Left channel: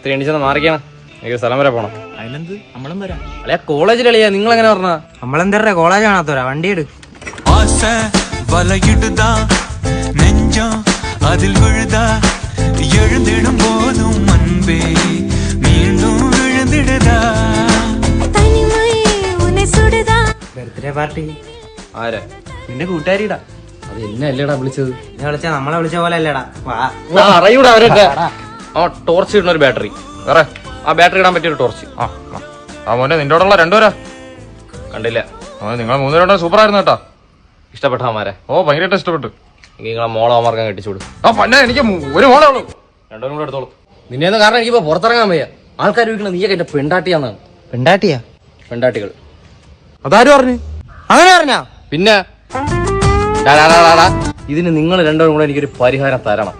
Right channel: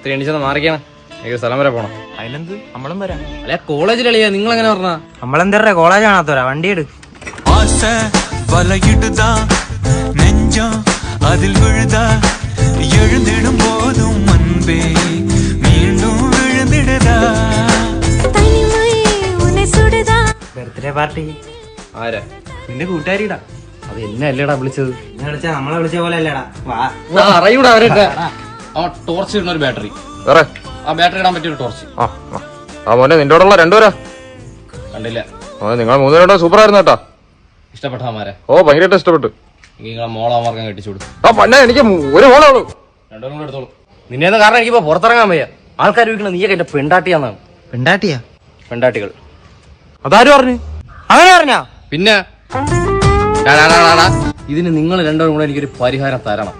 ഇത്തിരി എണീച്ചെന്ന് മാറിക്കണം. എനിക്ക് സ്ഥലം വരെ പോണം. അതിനെന്ത്, നമ്മളും വരാം. അല്ലെ കോളേജിലളിയാ, നിങ്ങൾ എങ്ങനെ പറഞ്ഞ? നമ്മളെന്തേ കോളേജ് കാണാത്തോരാ, വണ്ടി എടു. അതിൽ വിഴുതാ എഴുതിടും പോതും മുൻപേ വീണ്ടും വിഴുതിടുതാ. ബർത്ത്ഡേ പാർട്ടി ആരാ? നിന്റെ കൂട്ടുകാരിടാ. അത് എന്നെ അല്ലേടാ വിളിച്ചത്? എന്നെ വിളിച്ച നമ്മളെ വിളിച്ച പോലെ അല്ലേടാ. അറിയൂടാ അവരൊക്കെ. ആ ടോർച്ച് ഇടുന്ന ഒരു ബാറ്ററി, ആ ബാറ്ററി ഇടാൻ പറ്റിയൊരു ടോർച്ച്. മോനെ നിന്റെ രണ്ടുപേരാ കണ്ടില്ല. നിങ്ങൾ മൂന്നുപേരുടെ സൂപ്പർ ആയിരുന്നു കേട്ടോ. ഇഷ്ടപ്പെട്ട അമാരെ? ഓ ഭയങ്കരമായിട്ട് ഇഷ്ടപ്പെട്ടു. നിങ്ങളെ മോളമാർക്കാൻ കെട്ടിച്ചു കൊടുത്തു. എനിക്ക് ഒരു മോളാണ്. രണ്ടുപേരും കൂടെ എടുത്തോളൂ. നിന്നെ കാരണം എനിക്കിപ്പോ പുറത്തിറങ്ങാൻ വയ്യ. ആൾക്കാർ ചോദിക്കണം നീയൊക്കെ എന്റെ പെണ്ടാട്ടിയാന്നാണ്. പെണ്ടാട്ടിയാ? പെണ്ടാട്ടികൾ അതാരും പറഞ്ഞു? അങ്ങനെ പറഞ്ഞാ? പിന്നെ ഇതിന് നിങ്ങൾ രണ്ടുപേരും കൂടെ എനിക്കൊരു പരിഹാരം തരണം.